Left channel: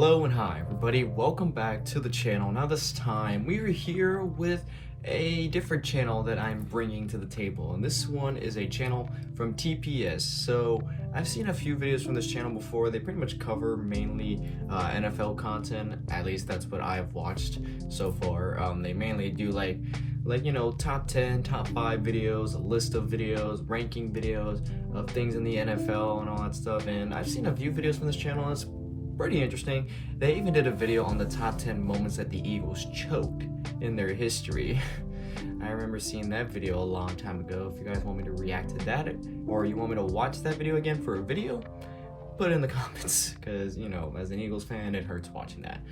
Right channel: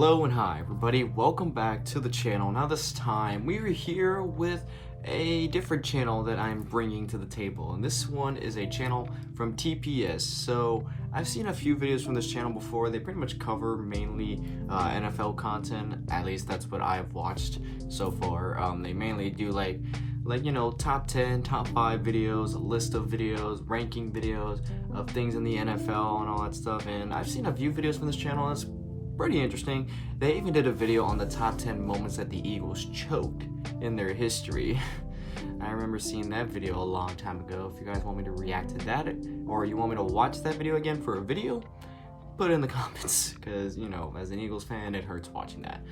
Hello and hi everybody, welcome back to the channel. Now this time we are here with a different channel that I'm bringing to the table, and this one is a channel from TPS. So I've seen a few videos from this channel before. They pretty much cover mainly NFL content, at least that's what I've watched so far. They mainly do like you know, top 10, top 5 videos, a list of videos, ranking videos of things in the NFL and all that stuff, and I've seen a few videos from this channel. That's pretty interesting. They even did a video on the top 10 moments that the Eagles choked in their history. I remember seeing that video a long time ago. If you guys want me to react to that, or you want me to watch that video again for a video, put it in the comments, because, you know, as an Eagles fan, it hurts watching that.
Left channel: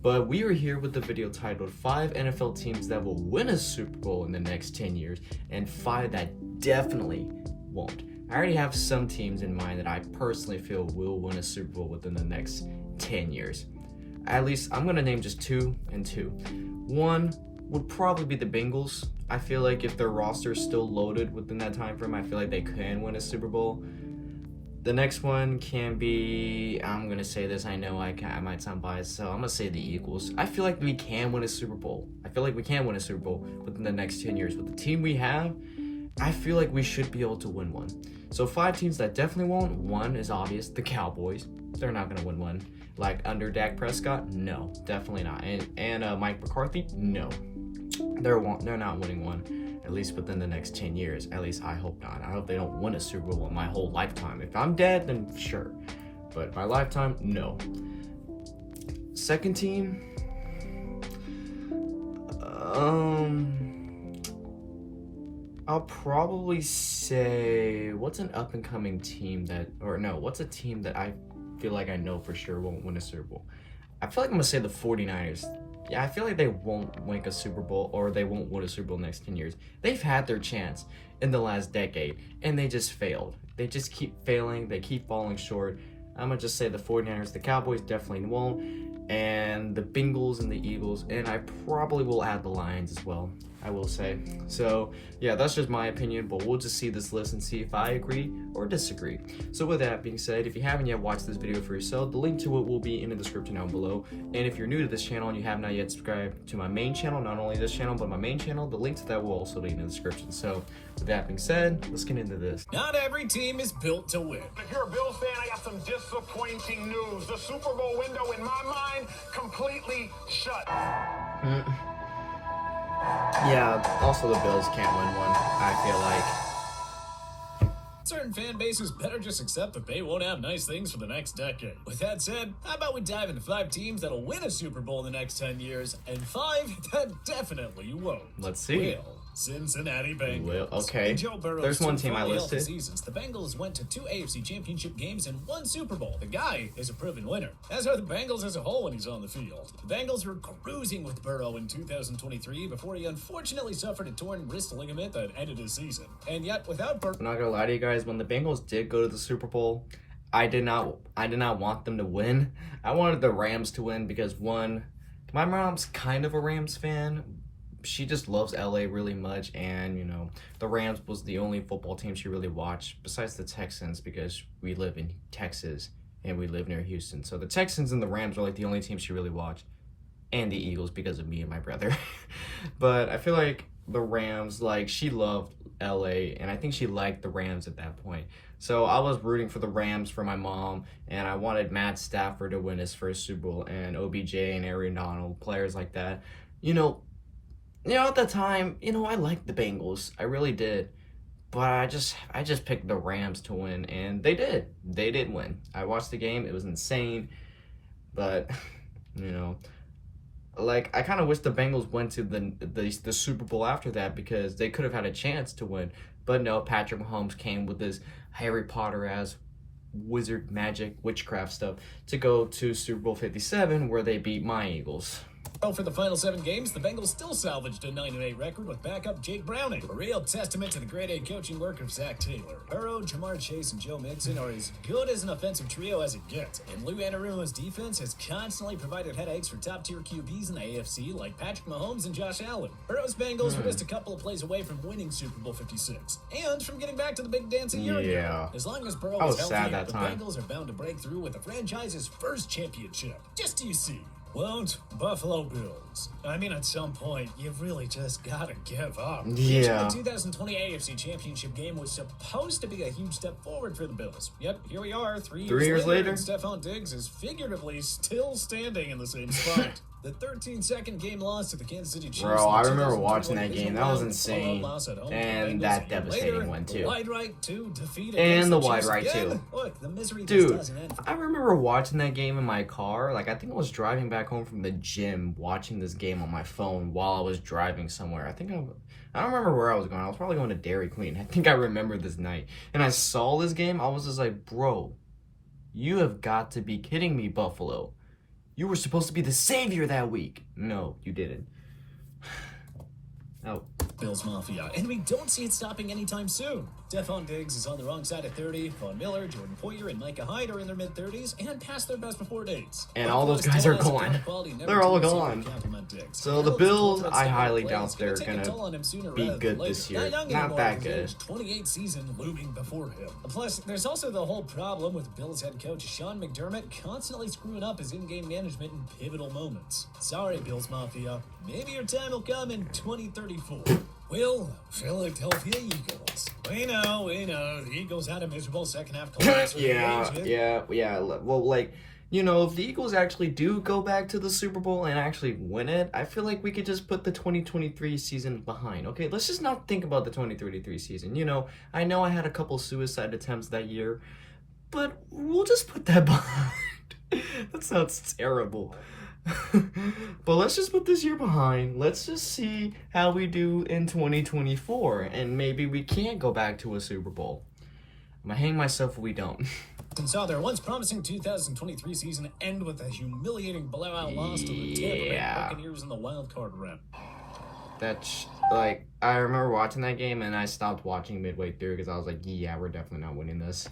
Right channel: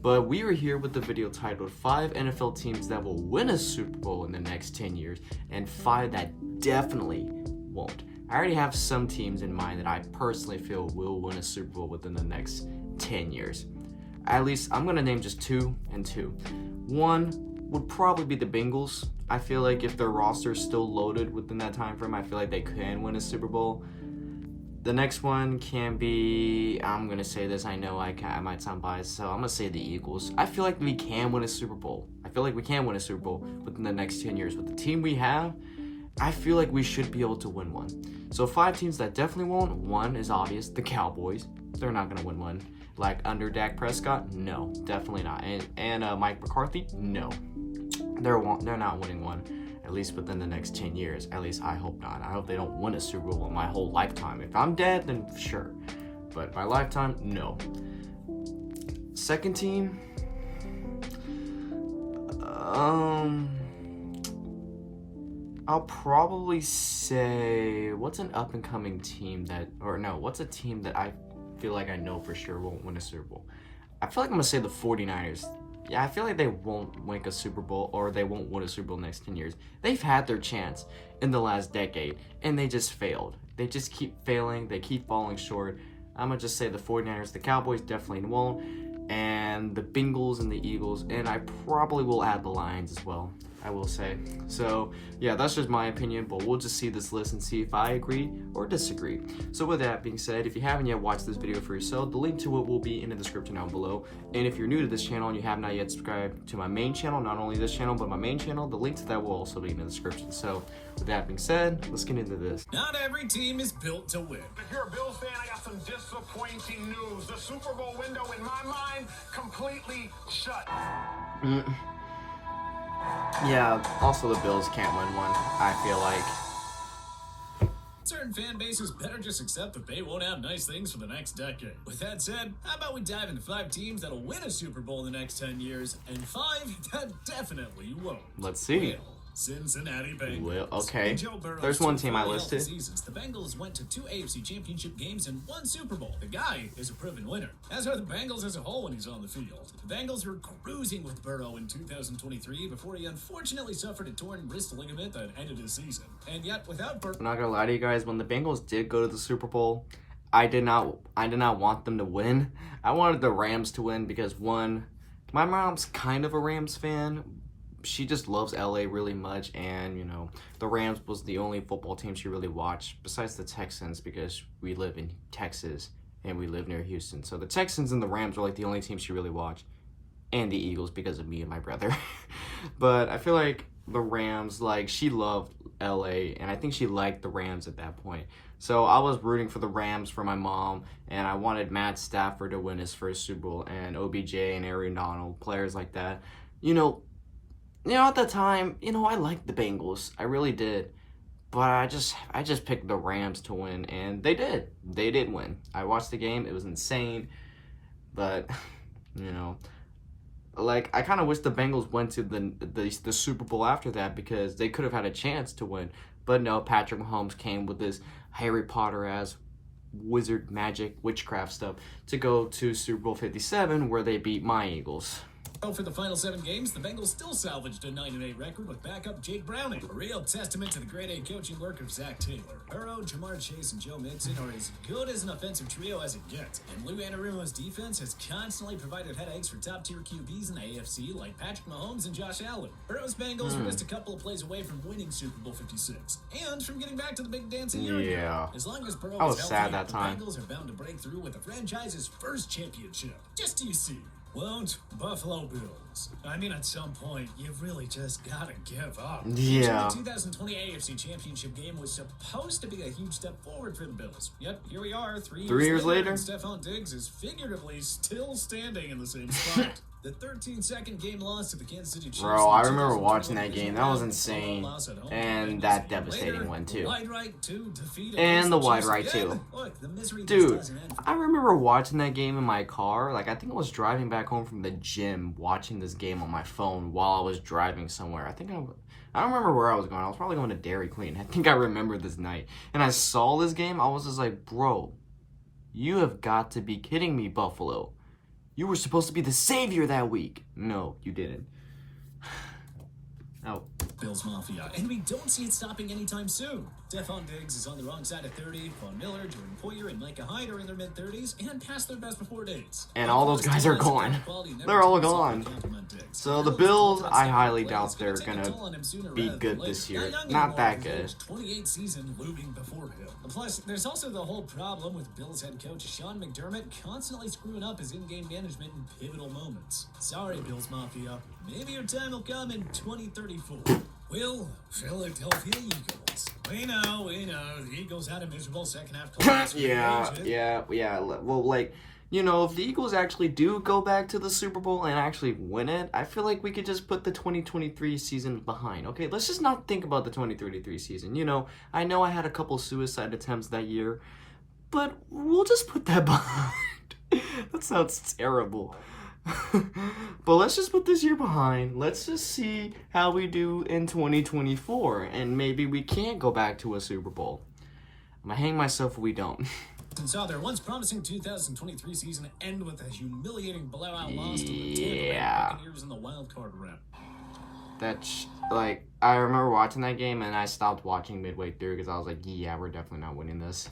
But we are here with the video titled 5 NFL teams that will win a Super Bowl in the next 10 years, and 5 that definitely won't. I already have some teams in mind that I personally feel will win a Super Bowl within the next 10 years. At least, I'm going to name just 2 and 2. One would probably be the Bengals. I feel like if their roster is still loaded within that time frame, I feel like they can win a Super Bowl. The next one can be, I'm going to say this, I know I might sound biased, so I'm going to say the Eagles. I feel like we can win a Super Bowl. I feel like we can win a Super Bowl within the next 10 years. With the team we have, I feel like we should be able to win one. So 5 teams that definitely won't. One is obvious, the Cowboys. They're not going to win one. Like under Dak Prescott? No, definitely not. And Mike McCarthy? No. They're not winning one. At least within the next 10 years. At least I hope not. I hope they don't win a Super Bowl my whole lifetime. If I'm dead, then sure. But my lifetime, no. Second team, I'll probably say, what's an up-and-coming team what's a team that I feel like I know for sure won't win a Super Bowl? I feel like I'm going to say the 49ers. Yeah, I feel like they won't win a Super Bowl, or they won't win a Super Bowl in the next 10 years. They've had their chance in the last decade, and they just failed. They just keep failing. They keep falling short. I'm going to just say the 49ers. The Cowboys definitely won't, and the Bengals and the Eagles, and I probably will add the Lions as well, I will say. So, yeah, that's just my opinion, but we'll just see this list and see if I agree or disagree. So with that being said, if you haven't yet watched this video for yourself, the link to it will be in the description down below. And if you're new to this channel and you have not yet subscribed to my main channel, not only this channel, but my main channel, the link to that will also be in the description. So with that being said, let's get into this. Not every team is built to win. If you're a Bills fan, I got some disappointing news. The Super Bowl window, in my mind, completely shut. Yeah, also the Bills can't win one, I feel like. Certain fan bases better just accept that they won't have nice things for the next decade. With that said, how about we dive into 5 teams that'll win a Super Bowl in the next 10 years, and 5 that definitely won't. Let's see. Cincinnati Bengals. Well, okay. There's one team I listed. Seasons, the Bengals went to 2 AFC Championship games and 1 Super Bowl. The guy is a proven winner, as are the Bengals as a whole when he's on the field. The Bengals were cruising with Burrow in 2023 before he unfortunately suffered a torn wrist ligament that ended his season. And yet, without Burrow... I'm not gonna lie to you guys, when the Bengals did go to the Super Bowl, I did not want them to win. I wanted the Rams to win because, one, my mom's kind of a Rams fan. She just loves LA really much, and, you know, the Rams was the only football team she really watched, besides the Texans, because we live in Texas and we live near Houston. So the Texans and the Rams are like the only teams she really watched, and the Eagles because of me and my brother. But I feel like the Rams, like, she loved LA, and I think she liked the Rams at that point. So I was rooting for the Rams for my mom, and I wanted Matt Stafford to win his first Super Bowl, and OBJ and Aaron Donald, players like that. You know, at the time, I liked the Bengals. I really did. But I just picked the Rams to win, and they did. They did win. I watched the game. It was insane. But, like, I kind of wish the Bengals went to the Super Bowl after that, because they could have had a chance to win. But no, Patrick Mahomes came with this Harry Potter-ass wizard magic witchcraft stuff to go to Super Bowl 57, where they beat my Eagles. Well, for the final 7 games, the Bengals still salvaged a 9-8 record with backup Jake Browning. A real testament to the grade A coaching work of Zach Taylor. Burrow, Jamar Chase, and Joe Mixon are as good as an offensive trio as it gets. And Lou Anarumo's defense has constantly provided headaches for top-tier QBs in the AFC like Patrick Mahomes and Josh Allen. Burrow's Bengals were just a couple of plays away from winning Super Bowl 56 and from getting back to the big dance a year ago. As long as Burrow is healthy, the Bengals are bound to break through with the franchise's first championship. Just to see. Won't Buffalo Bills? I mean, at some point, you've really just got to give up. Yeah. The 2020 AFC Championship game was supposed to be a huge step forward for the Bills. Yep, here we are, 3 years later. And Stephon Diggs is figuratively still standing in the same spot. The 13-second game loss to the Kansas City Chiefs. Bro, I remember watching that game. That was insane. And that devastating one, too. And the wide right, too. Dude, I remember watching that game in my car. Like, I think I was driving back home from the gym, watching this game on my phone while I was driving somewhere. I don't remember where I was going. I was probably going to Dairy Queen. I think I remember this night. And I saw this game. I was just like, bro, you have got to be kidding me, Buffalo. You were supposed to be the savior that week. No, you didn't. No. Bills Mafia, and we don't see it stopping anytime soon. Stephon Diggs is on the wrong side of 30. Von Miller, Jordan Poyer, and Micah Hyde are in their mid-30s and past their best before dates. And all those guys are gone. They're all gone. So the Bills, I highly doubt they're going to be good this year. Not that good. 28 season looming before him. Plus, there's also the whole problem with Bills head coach Sean McDermott constantly screwing up his in-game management in pivotal moments. Sorry, Bills Mafia. Maybe your time will come in 2034. Well, Philadelphia Eagles. We know. The Eagles had a miserable second half collapse. Yeah. Well, like, you know, if the Eagles actually do go back to the Super Bowl and actually win it, I feel like we could just put the 2023 season behind. Okay, let's just not think about the 2023 season. You know I had a couple suicide attempts that year, but we'll just put that behind. That sounds terrible. But let's just put this year behind. Let's just see how we do in 2024, and maybe we can't go back to a Super Bowl. I'm gonna hang myself if we don't. And saw their once promising 2023 season end with a humiliating blowout loss to the Tampa Bay Buccaneers in the wild card round. That's like, I remember watching that game and I stopped watching midway through because I was like, yeah, we're definitely not winning this.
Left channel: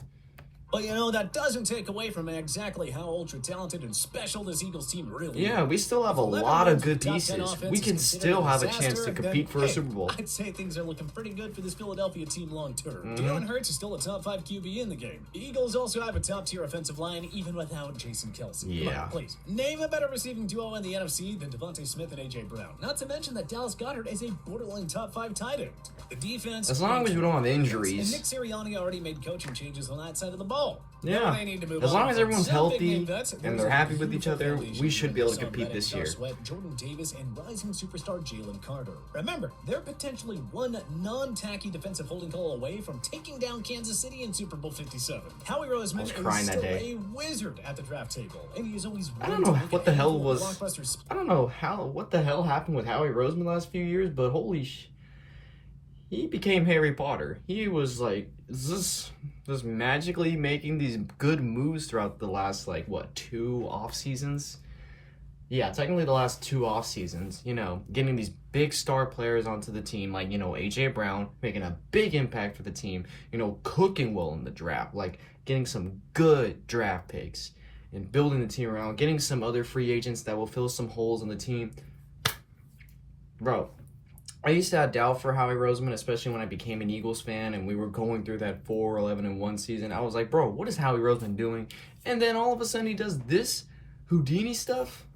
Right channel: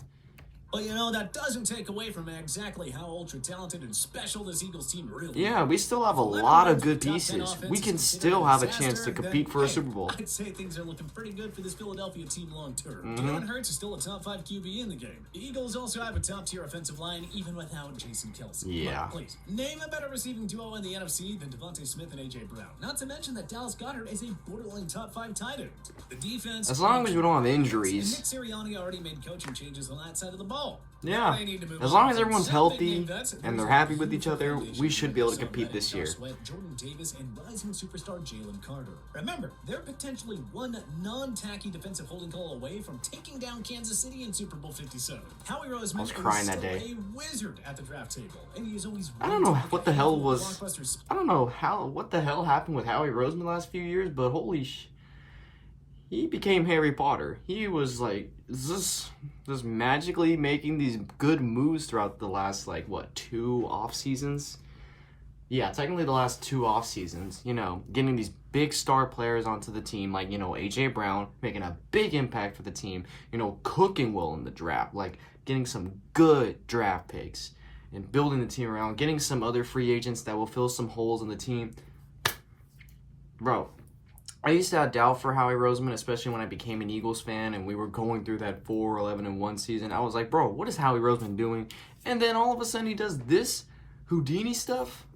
But, you know, that doesn't take away from exactly how ultra-talented and special this Eagles team really is. Yeah, we still have a lot of good pieces. We can still have a chance to compete for a Super Bowl. I'd say things are looking pretty good for this Philadelphia team long-term. Jalen Hurts is still a top-5 QB in the game. The Eagles also have a top-tier offensive line, even without Jason Kelce. Yeah. Please, name a better receiving duo in the NFC than Devontae Smith and A.J. Brown. Not to mention that Dallas Goedert is a borderline top-5 tight end. The defense... As long as we don't have injuries. And Nick Sirianni already made coaching changes on that side of the ball. Yeah, as long as everyone's healthy and they're happy with each other, we should be able to compete this year. Jordan Davis and rising superstar Jalen Carter. Remember, they're potentially one non-tacky defensive holding call away from taking down Kansas City in Super Bowl 57. Howie Roseman is still a wizard at the draft table, and he's always. I don't know what the hell was. I don't know what the hell happened with Howie Roseman the last few years, but holy he became Harry Potter. He was like just magically making these good moves throughout the last, like, what, 2 off seasons? Yeah, technically the last 2 off seasons. You know, getting these big star players onto the team, like, you know, A.J. Brown, making a big impact for the team, you know, cooking well in the draft, like, getting some good draft picks and building the team around, getting some other free agents that will fill some holes in the team. Bro, I used to have doubt for Howie Roseman, especially when I became an Eagles fan and we were going through that 4-11-1 season. I was like, bro, what is Howie Roseman doing? And then all of a sudden he does this Houdini stuff.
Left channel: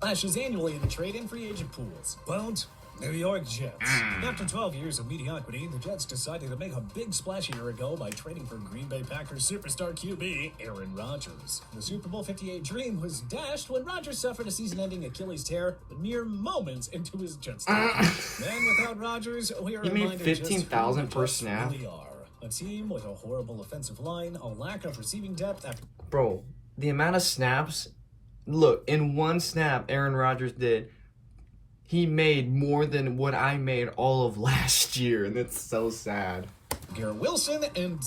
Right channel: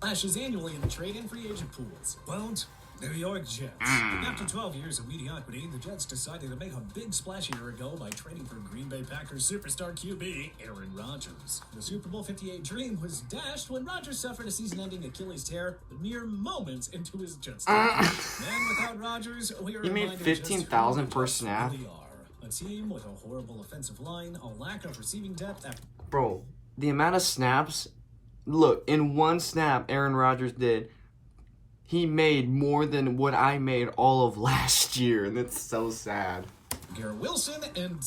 Flashes annually in the trade and free agent pools. But New York Jets. After 12 years of mediocrity, the Jets decided to make a big splash a year ago by trading for Green Bay Packers superstar QB Aaron Rodgers. The Super Bowl 58 dream was dashed when Rodgers suffered a season-ending Achilles tear mere moments into his Jets tenure. And without Rodgers, we are reminded 15,000 per snap. Really are. A team with a horrible offensive line, a lack of receiving depth. Bro, the amount of snaps. Look, in one snap, Aaron Rodgers did. He made more than what I made all of last year, and that's so sad. Garrett Wilson, and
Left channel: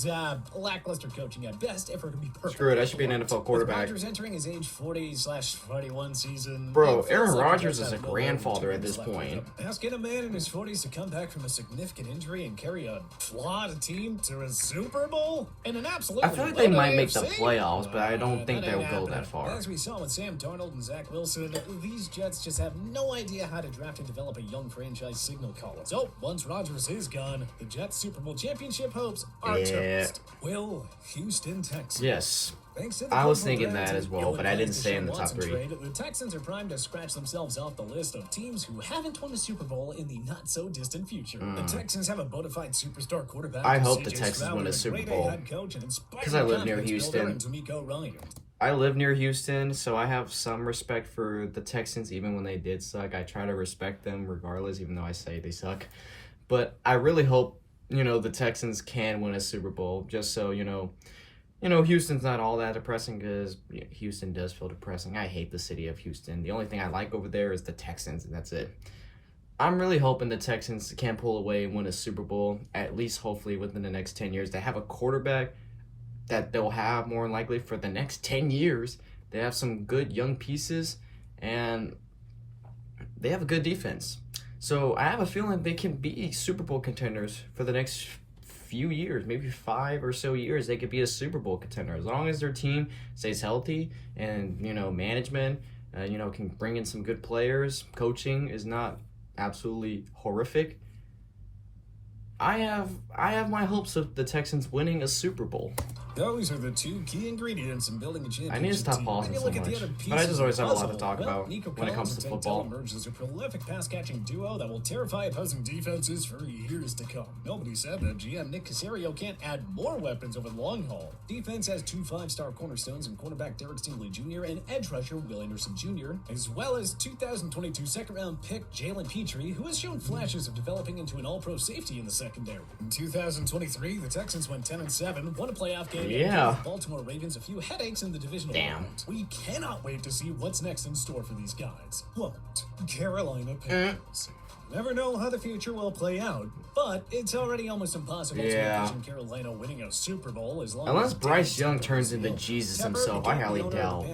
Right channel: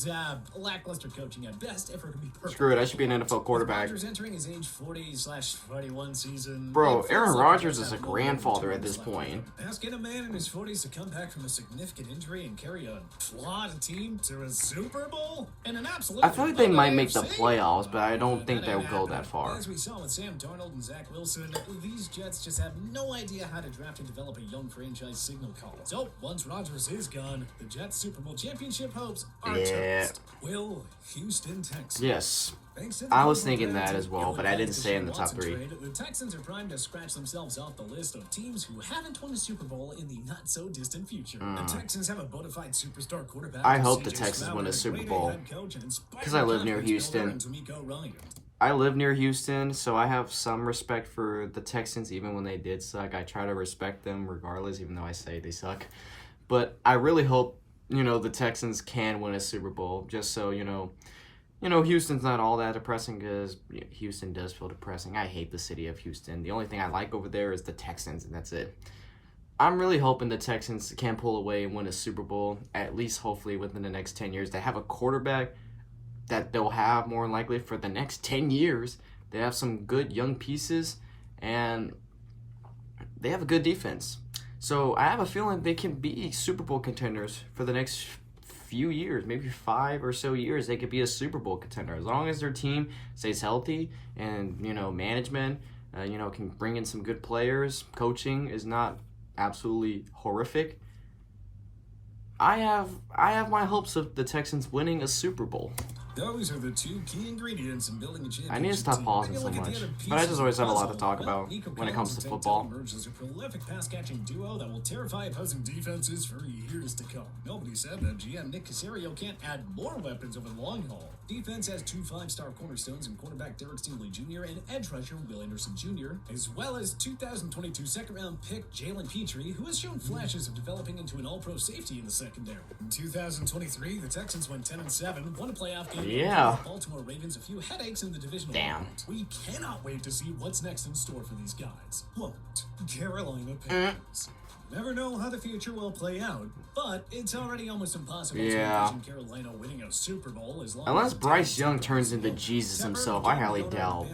lackluster coaching at best, if we're to be perfect. Screw it, I should be an NFL quarterback. Rodgers entering his age 40/41 season. Bro, Aaron Rodgers is a grandfather at this point. Asking a man in his 40s to come back from a significant injury and carry a flawed team to a Super Bowl? And an absolute I feel like they might make the playoffs, but I don't think they'll go that far. As we saw with Sam Darnold and Zach Wilson, these Jets just have no idea how to draft and develop a young franchise signal caller. So, once Rodgers is gone, the Jets' Super Bowl championship hopes are toast. Will Houston Texans. Yes. I was thinking that as well, but I didn't say in the top 3. The Texans are primed to scratch themselves off the list of teams who haven't won a Super Bowl in the not-so-distant future. The Texans have a bona fide superstar quarterback. I hope the Texans win a Super Bowl, because I live near Houston. I live near Houston, so I have some respect for the Texans, even when they did suck. I try to respect them regardless, even though I say they suck. But I really hope, the Texans can win a Super Bowl, just so, Houston's not all that depressing, because Houston does feel depressing. I hate the city of Houston. The only thing I like over there is the Texans, and that's it. I'm really hoping the Texans can pull away and win a Super Bowl, at least hopefully within the next 10 years. They have a quarterback that they'll have more than likely for the next 10 years. They have some good young pieces, and they have a good defense. So I have a feeling they can be Super Bowl contenders for the next few years, maybe 5 or so years. They could be a Super Bowl contender as long as their team stays healthy and management can bring in some good players. Coaching is not absolutely horrific. I have my hopes of the Texans winning a Super Bowl. Those are the 2 key ingredients in building a championship. I need to stop pausing so much, but I just always have a lot to talk about when it comes to football. Emerges a prolific pass-catching duo that will terrify opposing defenses for years to come. Nobody said that GM Nick Caserio can't add more weapons over the long haul. Defense has 2 5-star cornerstones in cornerback Derek Stingley Jr. and edge rusher Will Anderson Jr., as well as 2022 second-round pick Jalen Petrie, who has shown flashes of developing into an all-pro safety in the secondary. In 2023, the Texans went 10-7, won a playoff game. Yeah. Baltimore Ravens a few headaches in the divisional round. We cannot wait to see what's next in store for these guys. Quote, Carolina Panthers. Never know how the future will play out, but it's already almost impossible to imagine Carolina winning a Super Bowl as long unless as Bryce Young turns into Jesus himself. I highly doubt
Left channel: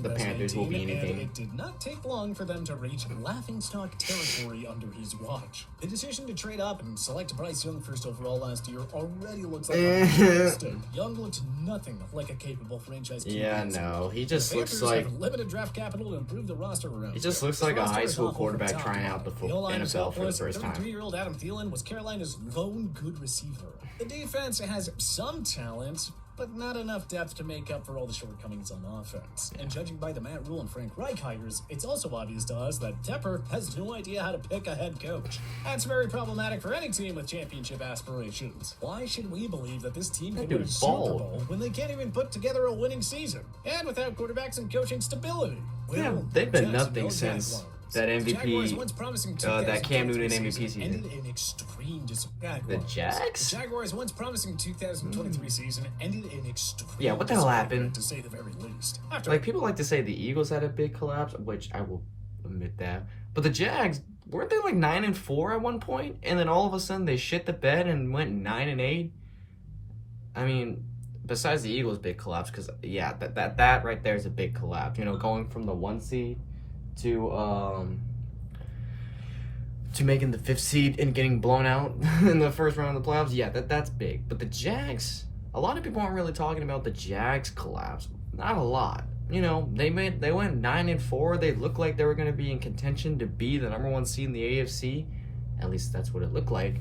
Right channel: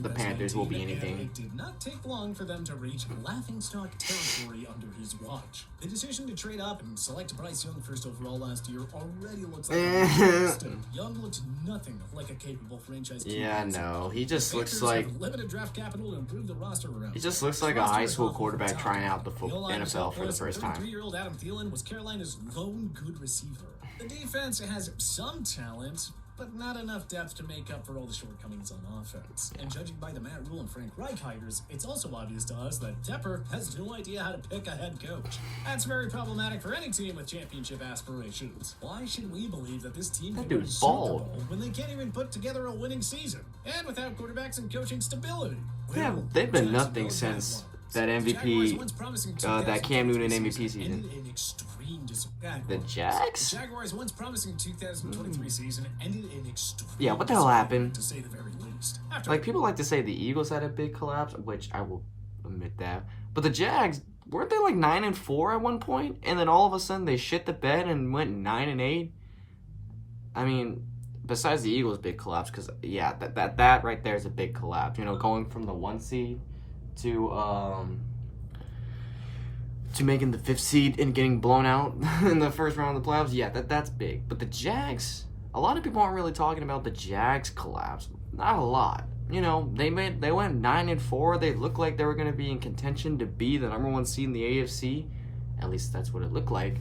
the Panthers will be anything. It did not take long for them to reach laughingstock territory under his watch. The decision to trade up and select Bryce Young first overall last year already looks like a mistake. Young looks nothing like a capable franchise QB. Yeah, no, he just looks like limited draft capital to improve the roster around. He just looks like a high school quarterback trying out the NFL for the first time. 33-year-old Adam Thielen was Carolina's lone good receiver. The defense has some talent, but not enough depth to make up for all the shortcomings on offense. And judging by the Matt Rule and Frank Reich hires, it's also obvious to us that Tepper has no idea how to pick a head coach. That's very problematic for any team with championship aspirations. Why should we believe that this team can win a Super Bowl when they can't even put together a winning season? And without quarterbacks and coaching stability. Yeah, they've been nothing since that MVP, that Cam Newton MVP season. The Jags? The Jaguars' once promising 2023 season ended in extreme. Yeah, what the hell happened? To say the very least. Like, people like to say the Eagles had a big collapse, which I will admit that. But the Jags, weren't they like 9-4 at one point? And then all of a sudden they shit the bed and went 9-8? I mean, besides the Eagles' big collapse, because yeah, that right there is a big collapse. Going from the 1 seed to making the 5th seed and getting blown out in the first round of the playoffs. Yeah, that's big. But the Jags, a lot of people aren't really talking about the Jags collapse. Not a lot. They went 9-4. They looked like they were going to be in contention to be the number 1 seed in the AFC. At least that's what it looked like.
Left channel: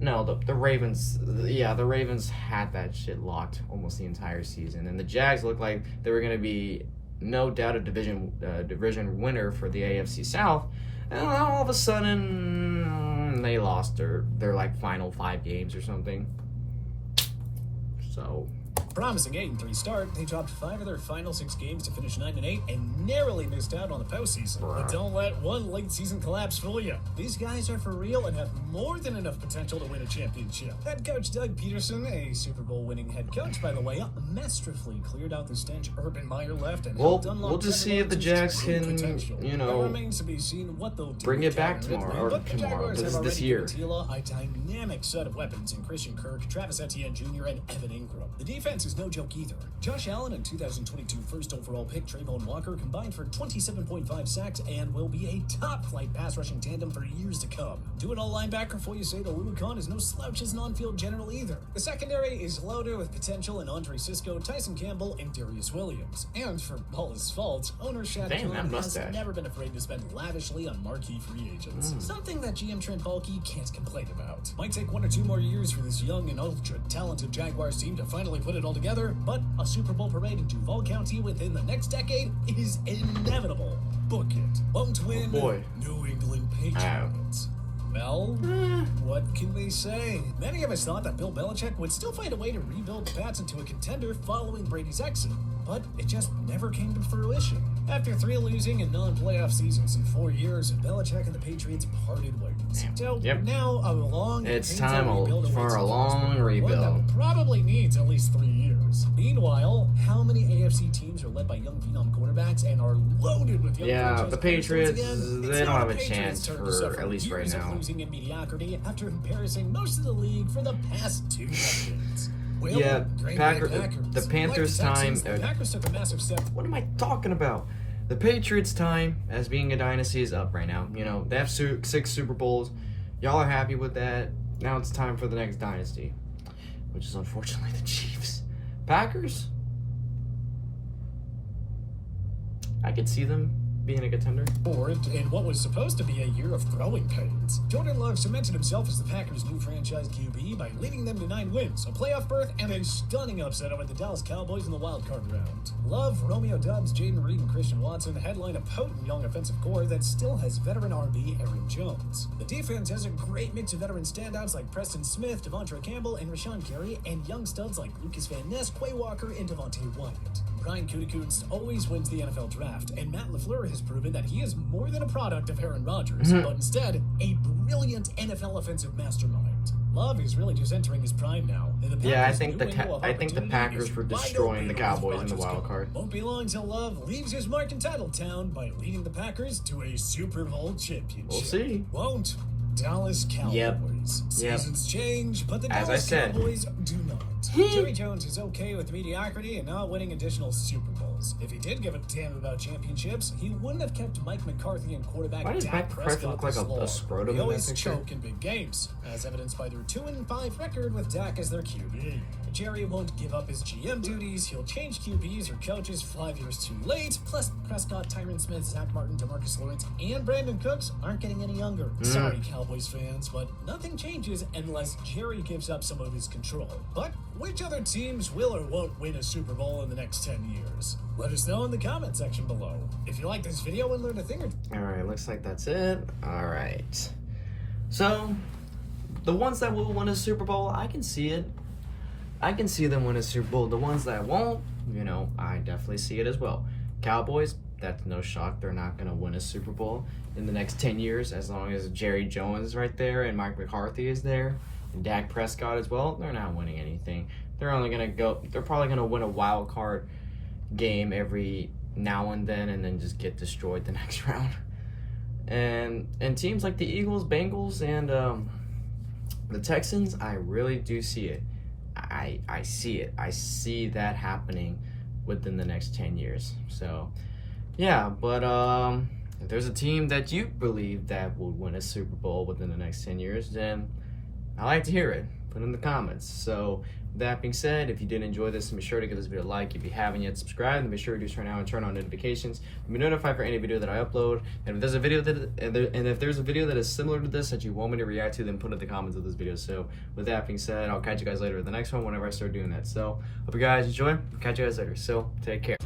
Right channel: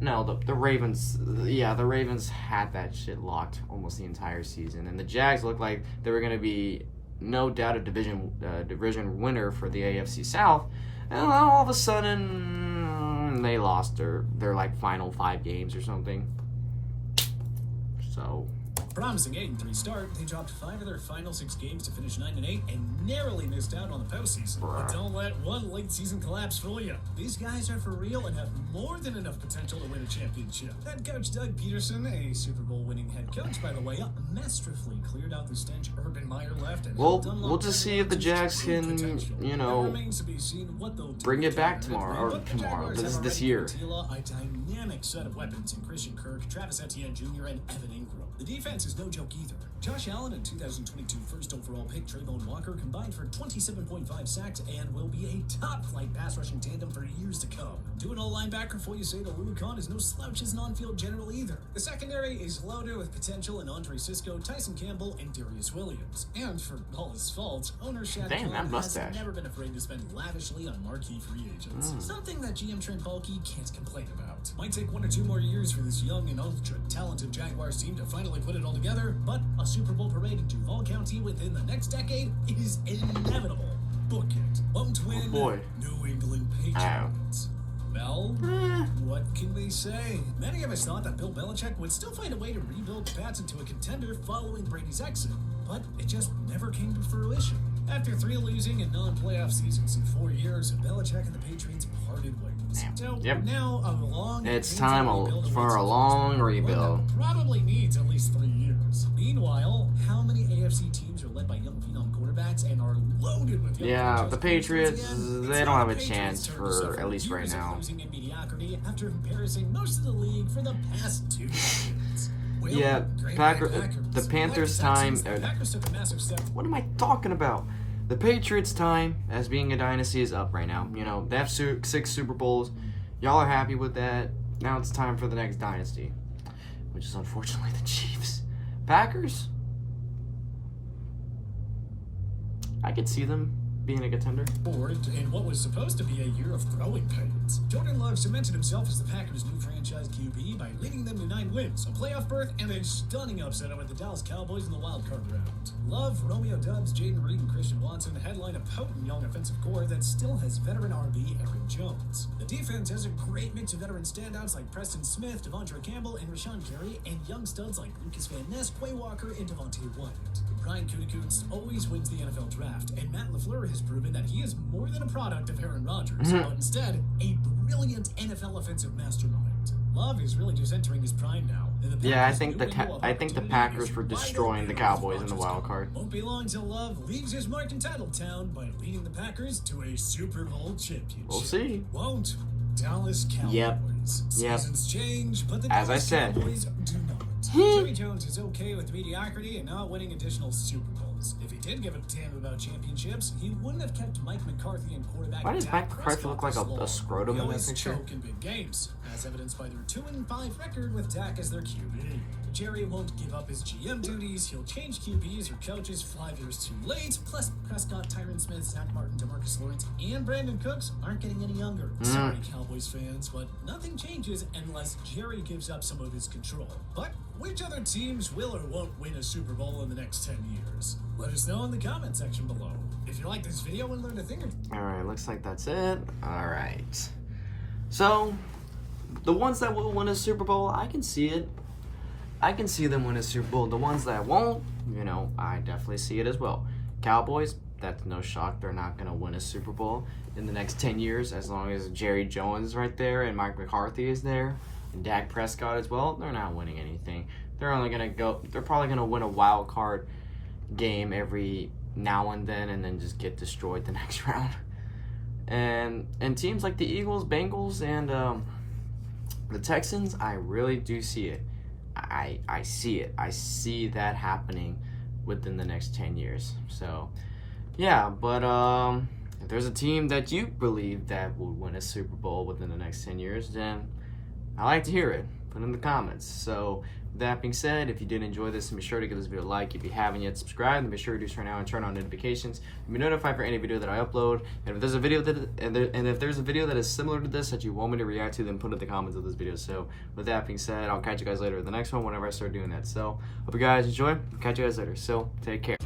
No, the Ravens, the Ravens had that shit locked almost the entire season. And the Jags looked like they were going to be no doubt a division winner for the AFC South. And all of a sudden, they lost their like final 5 games or something. So, promising 8-3 start, they dropped 5 of their final 6 games to finish 9-8 and narrowly missed out on the postseason. But don't let one late season collapse fool you. These guys are for real and have more than enough potential to win a championship. Head coach Doug Peterson, a Super Bowl winning head coach by the way, masterfully cleared out the stench Urban Meyer left. And we'll just see if the Jags can, remains to be seen what they'll do bring it back tomorrow, this year. A dynamic set of weapons in Christian Kirk, Travis Etienne Jr., and Evan Ingram. The defense is no joke either. Josh Allen and 2022 first overall pick Trayvon Walker combined for 27.5 sacks and will be a top-flight pass-rushing tandem for years to come. Do-it-all linebacker for you say the Rubicon is no slouch as an on-field general either. The secondary is loaded with potential in Andre Sisco, Tyson Campbell, and Darius Williams. And for all his faults, owner Shad Khan has never been afraid to spend lavishly on marquee free agents. Something that GM Trent Baalke can't complain about. Might take 1 or 2 more years for this young and ultra-talented Jaguars team to finally put it all together, but a Super Bowl parade in Duval County within the next decade is inevitable. Book it. Won't win. New England Patriots. Well, what can we say? Many of us thought that Bill Belichick would still find a way to rebuild the Pats into a contender following Brady's exit, but it just never came to fruition. After 3 losing and non-playoff seasons in 4 years, Belichick and the Patriots parted ways. So now a long for a long rebuild. Probably needs at least 3 years. Meanwhile, how many AFC teams are led by young phenom quarterbacks and are loaded with young the Patriots, they don't have a chance for at least right now. Losing in mediocrity after embarrassing most of the league for the past 2 decades. Well, the Panthers' time. What am I talking about? The Patriots' time as being a dynasty is up right now. You know, they have 6 Super Bowls. Y'all are happy with that. Now it's time for the next dynasty, which is unfortunately the Chiefs. Packers, I could see them being a contender. In what was supposed to be a year of growing pains, Jordan Love cemented himself as the Packers' new franchise QB by leading them to 9 wins, a playoff berth, and a stunning upset over the Dallas Cowboys in the wild card round. Love, Romeo Doubs, Jaden Reed, and Christian Watson headline a potent young offensive core that still has veteran RB Aaron Jones. The defense has a great mix of veteran standouts like Preston Smith, Devontae Campbell, and Rashawn Gary, and young studs like Lucas Van Ness, Quay Walker, and Devontae Wyatt. Brian Gutekunst always wins the NFL draft, and Matt LaFleur has proven that he is more than a product of Aaron Rodgers, but instead a brilliant NFL offensive mastermind. Love is really just entering his prime now. I think the Packers were destroying the Cowboys in the wild card. Won't be long till Love leaves his mark in Titletown by leading the Packers to a Super Bowl championship. We'll see. Won't. Dallas Cowboys. Seasons change, but the Dallas Cowboys do not. Jerry Jones is okay with mediocrity and not winning additional Super Bowls. If he did give a damn about championships, he wouldn't have kept Mike McCarthy and quarterback Why does Mike McCarthy look like a scrotum in this picture? They always choke in big games, as evidenced by their 2-5 record with Dak as their QB. Jerry won't give up his GM duties. He'll change QBs or coaches 5 years too late. Plus, Prescott, Tyron Smith, Zach Martin, DeMarcus Lawrence, and Brandon Cooks aren't getting any younger. Sorry, Cowboys fans, but nothing changes unless Jerry gives up some of his control. But which other teams will or won't win a Super Bowl in the next 10 years? Let us know in the comment section below. If you like this video and learned a thing or two. Alright, looks like that's it. Alright. So, the ones that will win a Super Bowl, I can see it. I can see them win a Super Bowl. The ones that won't, I definitely see it as well. Cowboys, that's no shock. They're not going to win a Super Bowl in the next 10 years as long as Jerry Jones is right there and Mike McCarthy is there and Dak Prescott as well. They're not winning anything. They're probably going to win a wild card game every now and then just get destroyed the next round. And teams like the Eagles, Bengals, and the Texans, I really do see it. I see it. I see that happening within the next 10 years. So, yeah, but if there's a team that you believe that will win a Super Bowl within the next 10 years, then I like to hear it. Put it in the comments. So, with that being said, if you did enjoy this, be sure to give this video a like. If you haven't yet subscribed, then be sure to do so now and turn on notifications to be notified for any video that I upload. And if there's a video that is similar to this that you want me to react to, then put it in the comments of this video. So with that being said, I'll catch you guys later in the next one whenever I start doing that. So hope you guys enjoy. Catch you guys later. So take care.